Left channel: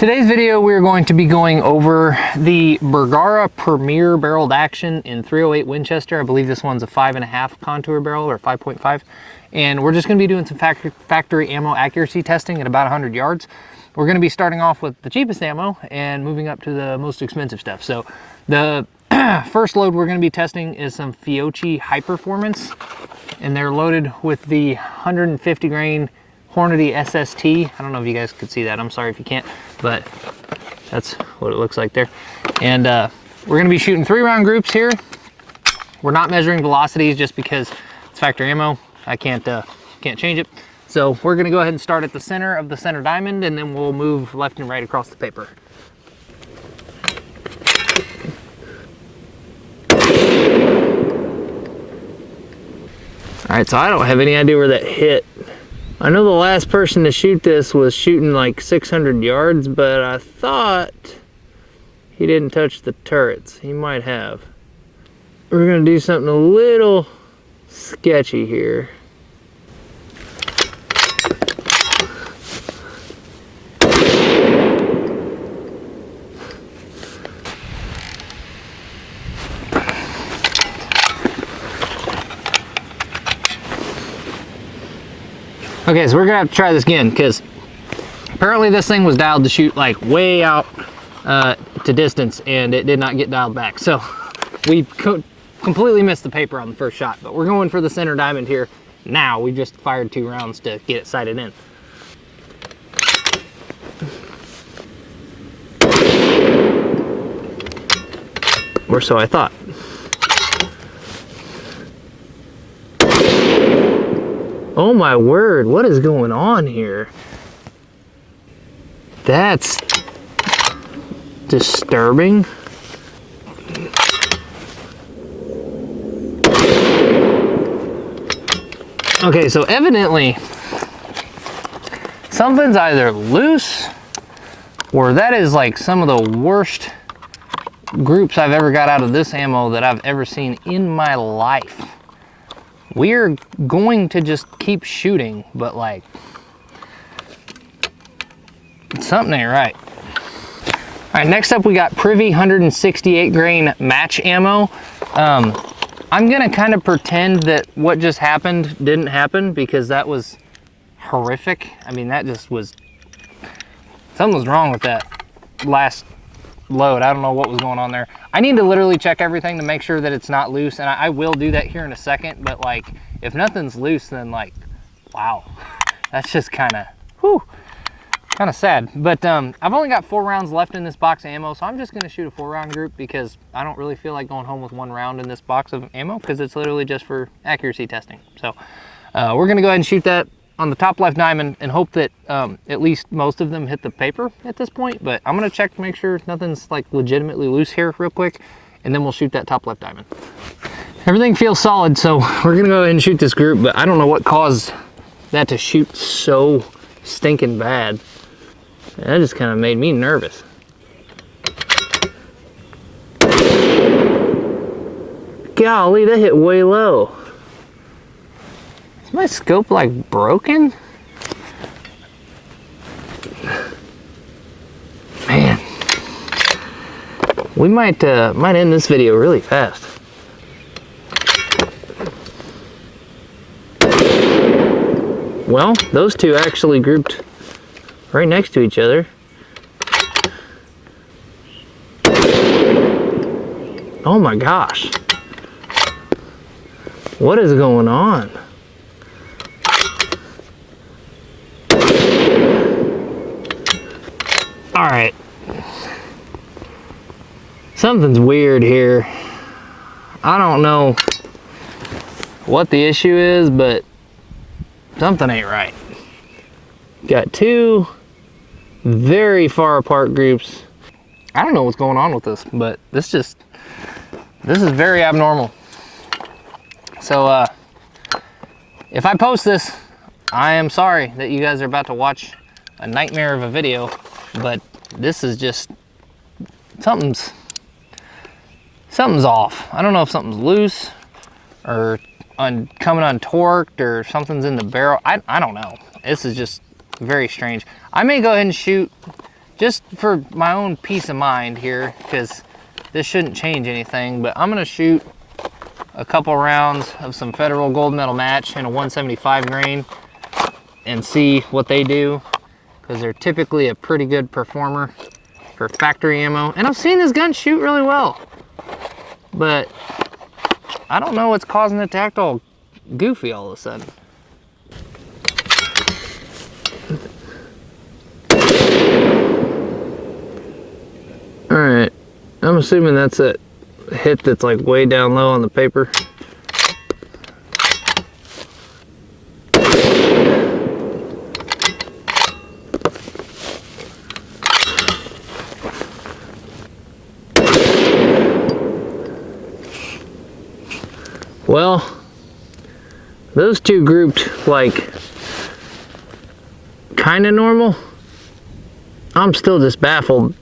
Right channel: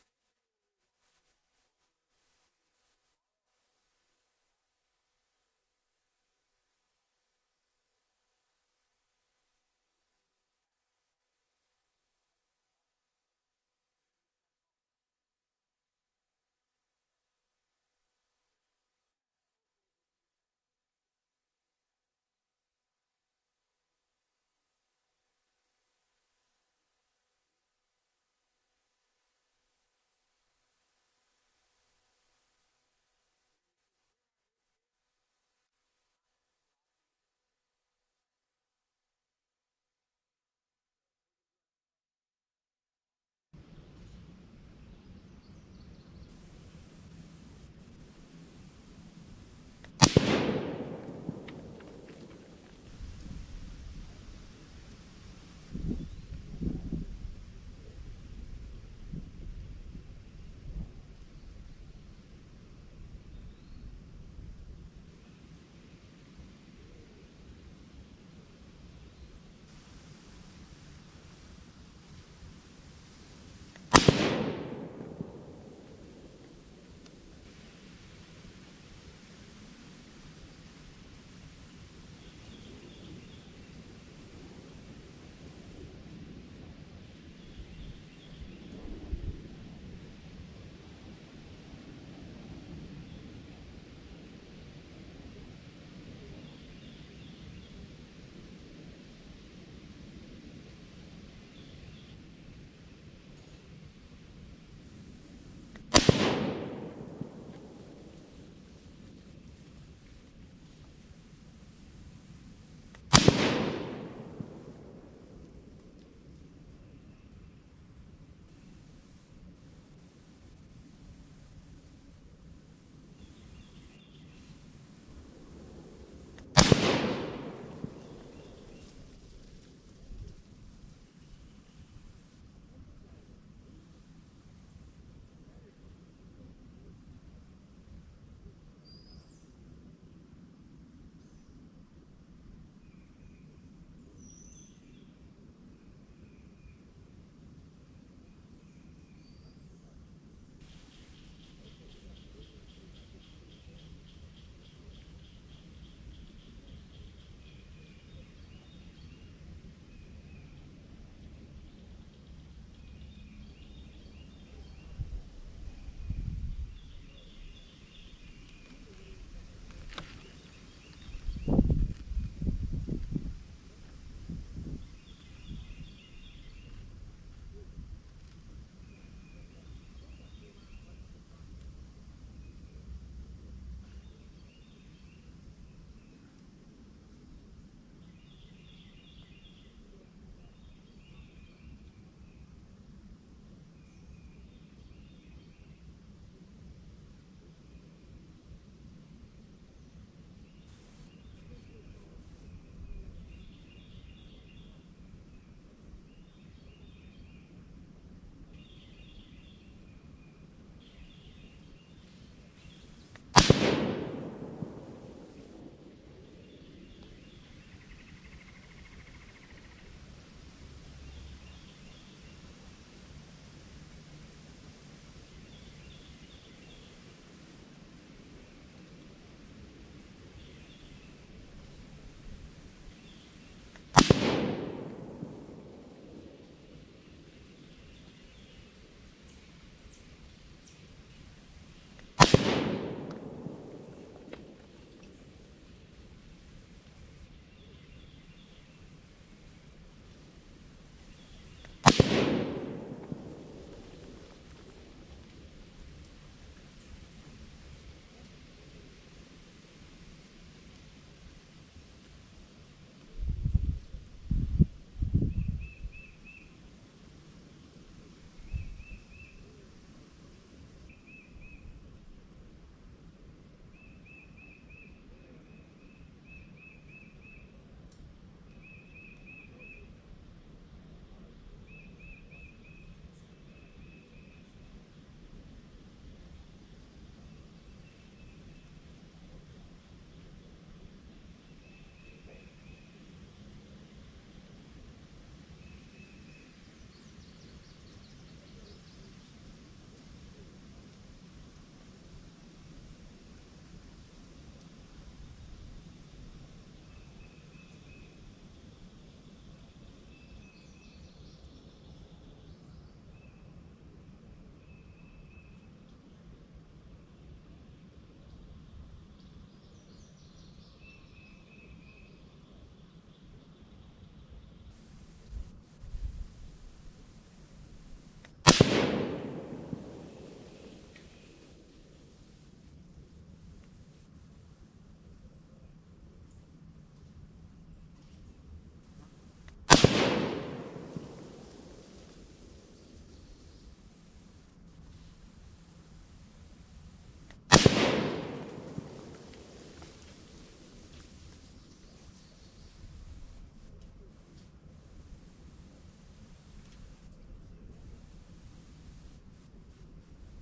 Today's video, we're going to be going over the Bergara Premier barreled action in 308 Winchester. I believe this one's a 5.5 contour barrel or 5.5. And we're just gonna be doing some factory ammo accuracy testing at about 100 yards. We're gonna be starting off with the cheapest ammo and moving up to the most expensive stuff. So the first load we're gonna be testing is some Fiocchi High Performance, and they're loaded with the 150 grain Hornady SST. I don't know if you guys could see that. I'm sorry if you can't, but that's what it looks like there. And we're gonna be shooting 3-round groups here. We're not measuring velocities just because it's factory ammo. I can't change it. So we're gonna go ahead and start at the center of the center diamond, and then we'll move left and right across the paper. All right, so I don't have any idea where that hit. I know the last person to shoot this was shooting like 600 yards, but I thought he didn't touch the turrets. He might have. We're gonna do something a little sketchy here. Okay, so we're gonna have to try this again because apparently this thing was dialed to shoot like way out to distance, and it did not get dialed back. So we completely missed the paper on the first shot, but we're going for the center diamond here. Now we just fired 2 rounds to get it sighted in. Or so I thought. Oh my word, what is going on here? That's disturbing. Okay, so evidently something's either loose or that is like some of the worst groups I've ever got out of this ammo that I've ever seen in my life. We're going to just keep shooting, but like, something ain't right. All right, next up we got PRVI 168 grain match ammo. I'm gonna kind of pretend that what just happened didn't happen because that was horrific. I mean, that just was, something was wrong with that last load. I don't know what was going on there. I need to literally check everything to make sure that it's not loose, and I will do that here in a second, but like, if nothing's loose, then like, wow, that's just kind of sad. But I've only got 4 rounds left in this box of ammo, so I'm just gonna shoot a 4-round group because I don't really feel like going home with 1 round in this box of ammo because it's literally just for accuracy testing. So we're gonna go ahead and shoot that on the top left diamond and hope that at least most of them hit the paper at this point, but I'm gonna check to make sure nothing's like legitimately loose here real quick, and then we'll shoot that top left diamond. Everything feels solid, so we're gonna go ahead and shoot this group, but I don't know what caused that to shoot so stinking bad. That just kind of made me nervous. Golly, that hit way low. Is my scope like broken? Man, we might end this video really fast. Well, those two actually grouped right next to each other. Oh my gosh. What is going on? All right. Something's weird here. I don't know what the issue is, but something ain't right. Got 2 very far apart groups. I don't know what's going on with this, but this is very abnormal. So if I post this, I am sorry that you guys are about to watch a nightmare of a video, but this is just, something's off. I don't know if something's loose or coming untorqued or something's in the barrel. I don't know. This is just very strange. I may go ahead and shoot just for my own peace of mind here, because this shouldn't change anything, but I'm gonna shoot a couple rounds of some Federal Gold Medal Match in a 175 grain and see what they do, because they're typically a pretty good performer for factory ammo. And I've seen this gun shoot really well, but I don't know what's causing it to act all goofy all of a sudden. All right, I'm assuming that's a hit that's like way down low on the paper. Well, those two grouped like kind of normal. I'm still just baffled.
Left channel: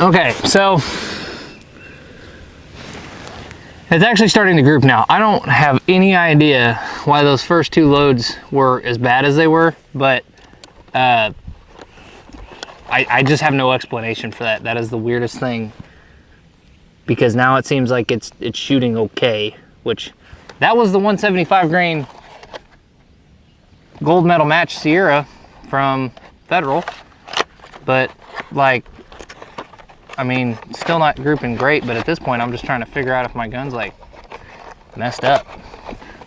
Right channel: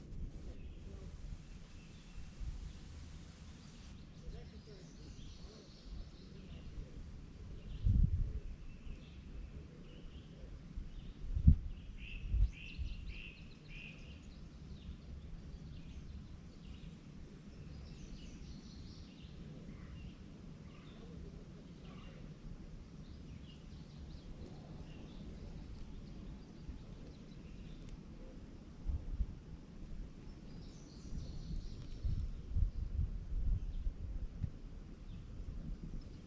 Okay, so it's actually starting to group now. I don't have any idea why those first two loads were as bad as they were, but I just have no explanation for that. That is the weirdest thing, because now it seems like it's shooting okay, which that was the 175 grain Gold Medal Match Sierra from Federal, but like, I mean, still not grouping great, but at this point I'm just trying to figure out if my gun's like messed up.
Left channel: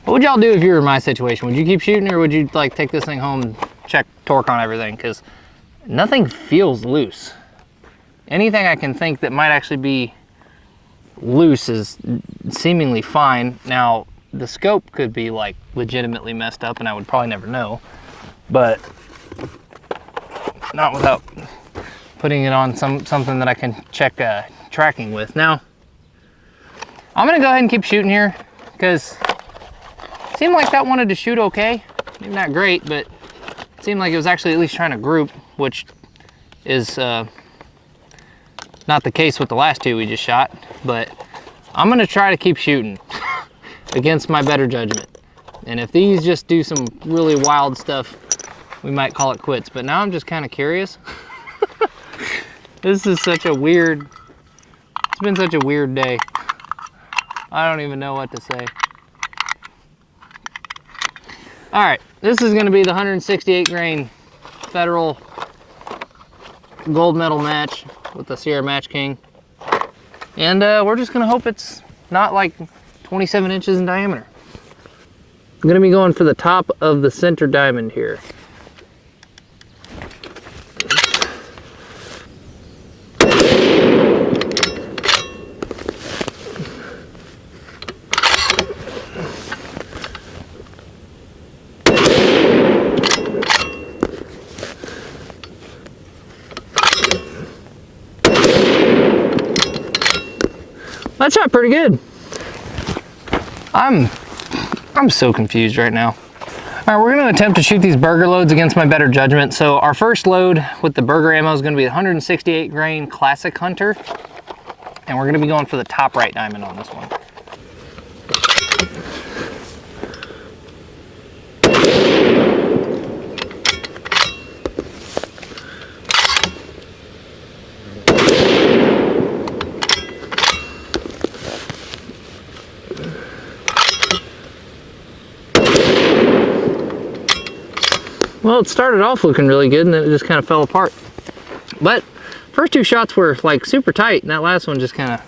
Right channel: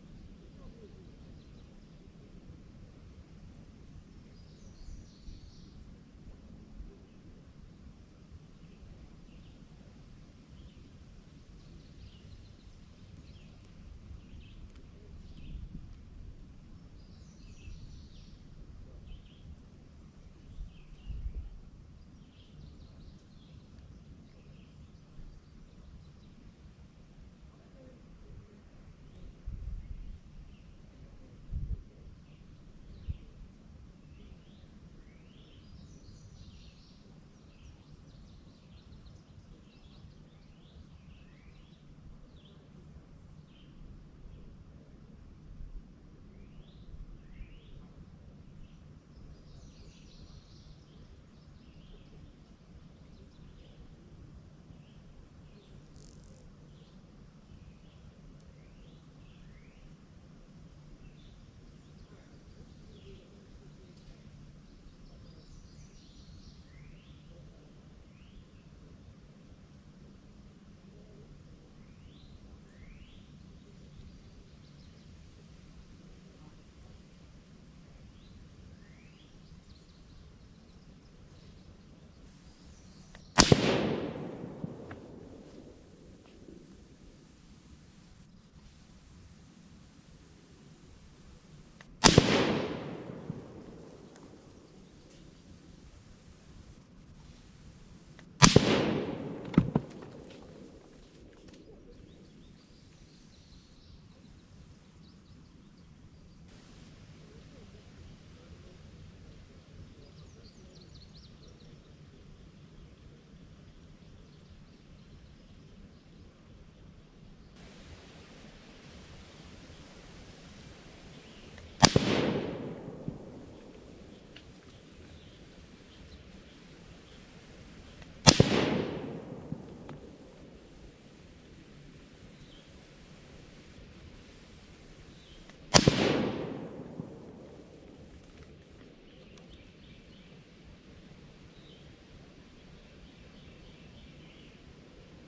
What would y'all do if you were in my situation? Would you keep shooting, or would you like take this thing home and check torque on everything? Because nothing feels loose. Anything I can think that might actually be loose is seemingly fine. Now, the scope could be like legitimately messed up and I would probably never know, but not without putting it on something that I can check tracking with. Now, I'm gonna go ahead and keep shooting here, because it seemed like that wanted to shoot okay. Maybe not great, but it seemed like it was actually at least trying to group, which is not the case with the last two we just shot. But I'm gonna try to keep shooting against my better judgment. And if these just do some really wild stuff, we might call it quits. But now I'm just kind of curious. This is such a weird, it's been such a weird day. I don't even know what to say. All right, this is gonna be the 168 grain Federal Gold Medal Match with the Sierra Matchking. And we're just gonna hope it's not like 27 inches in diameter. I'm gonna be going for the top of the center diamond here. That shot pretty good. I'm so confused right now. All right, we're gonna attempt to shoot these Berger loads against my better judgment. So our first load with the Berger ammo is gonna be 168 grain Classic Hunter. And we're gonna be going for the top right diamond on this one. Well, it started off looking really good and then it just kind of fell apart. But first two shots were like super tight and that last one just kind of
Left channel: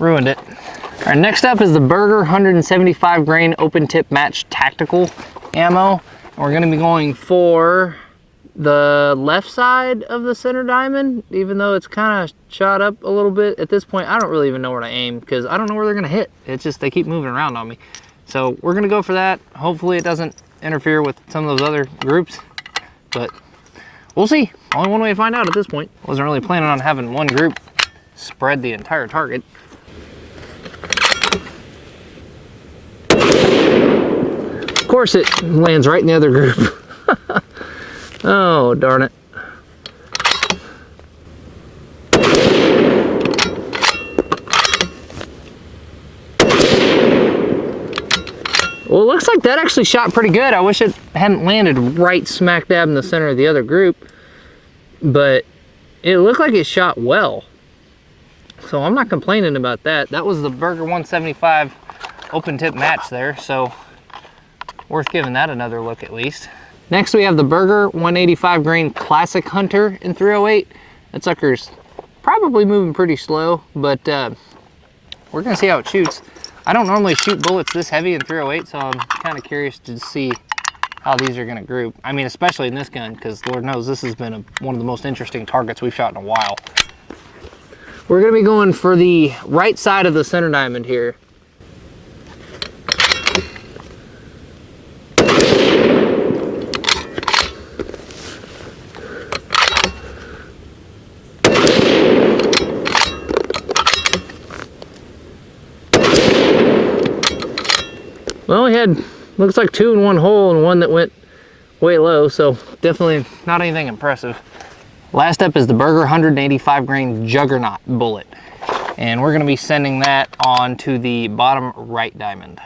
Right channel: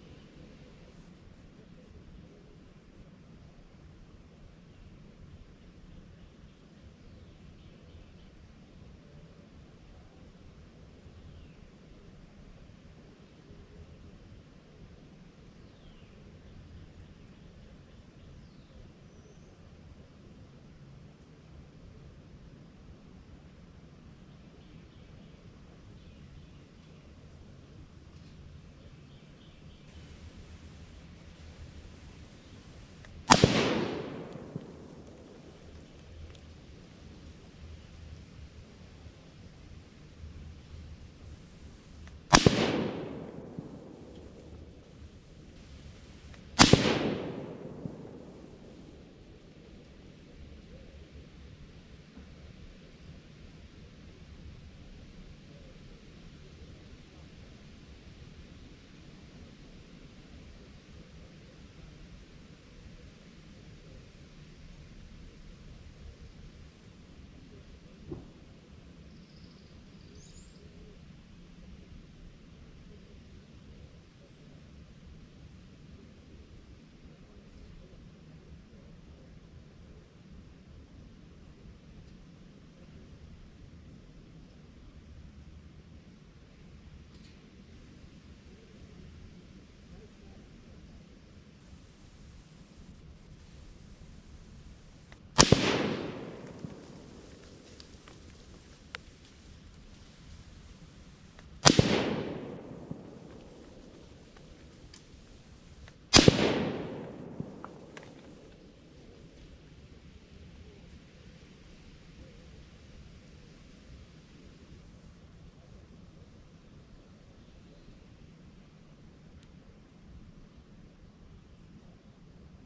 ruined it. All right, next up is the Berger 175 grain open tip match tactical ammo. And we're gonna be going for the left side of the center diamond, even though it's kind of shot up a little bit. At this point, I don't really even know where to aim because I don't know where they're gonna hit. It's just, they keep moving around on me. So we're gonna go for that. Hopefully it doesn't interfere with some of those other groups, but we'll see. Only one way to find out at this point. Wasn't really planning on having one group spread the entire target. Of course it lands right in the other group. Oh, darn it. Well, it looks like that actually shot pretty good. I wish it hadn't landed right smack dab in the center of the other group, but it looked like it shot well. So I'm not complaining about that. That was the Berger 175 open tip match there, so worth giving that another look at least. Next we have the Berger 185 grain Classic Hunter in 308. That sucker's probably moving pretty slow, but we're gonna see how it shoots. I don't normally shoot bullets this heavy in 308, so I'm kind of curious to see how these are gonna group. I mean, especially in this gun, because Lord knows this has been one of the most interesting targets we've shot in a while. We're gonna be going for the right side of the center diamond here. Well, we had, looks like 2 in one hole and one that went way low, so definitely not anything impressive. Last up is the Berger 185 grain Juggernaut bullet, and we're gonna be sending that on to the bottom right diamond.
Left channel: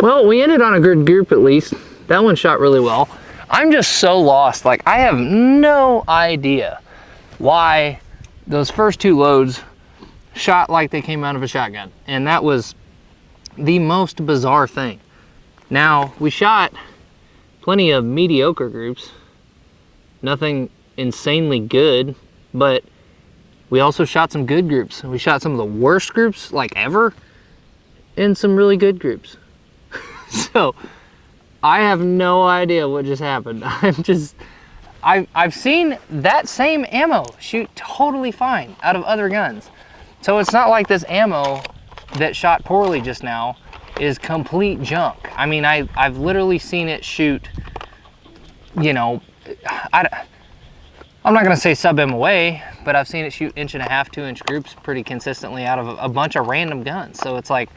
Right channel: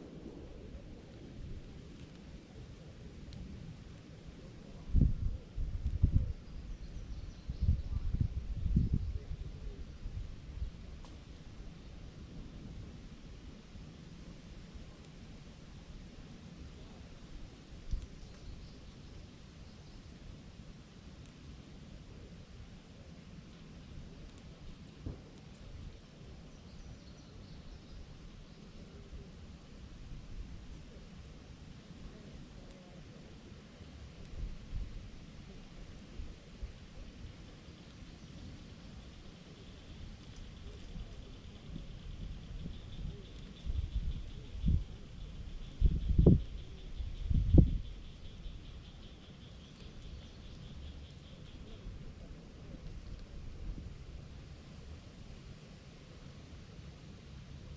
Well, we ended on a good group at least. That one shot really well. I'm just so lost. Like, I have no idea why those first 2 loads shot like they came out of a shotgun. And that was the most bizarre thing. Now, we shot plenty of mediocre groups. Nothing insanely good, but we also shot some good groups. We shot some of the worst groups like ever and some really good groups. So I have no idea what just happened. I've seen that same ammo shoot totally fine out of other guns. So it's not like this ammo that shot poorly just now is complete junk. I mean, I've literally seen it shoot, you know, I'm not gonna say sub MOA, but I've seen it shoot 1.5 inch, 2 inch groups pretty consistently out of a bunch of random guns. So it's like,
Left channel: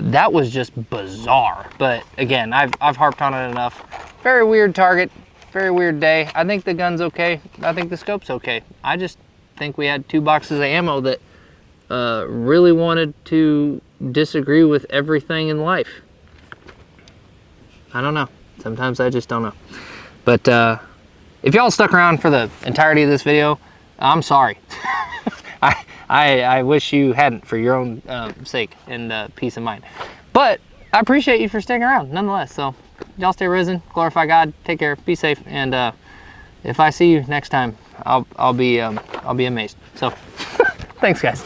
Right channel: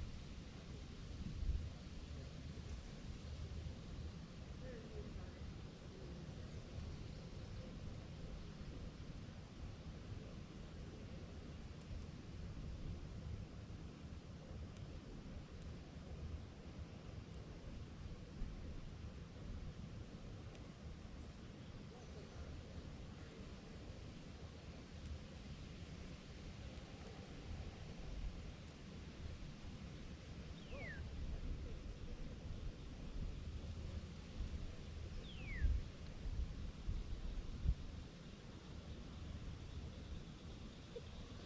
that was just bizarre. But again, I've harped on it enough. Very weird target, very weird day. I think the gun's okay. I think the scope's okay. I just think we had 2 boxes of ammo that really wanted to disagree with everything in life. I don't know. Sometimes I just don't know. But if y'all stuck around for the entirety of this video, I'm sorry. I wish you hadn't, for your own sake and peace of mind. But I appreciate you for sticking around nonetheless. So y'all stay risen, glorify God, take care, be safe, and if I see you next time, I'll be amazed. So thanks, guys.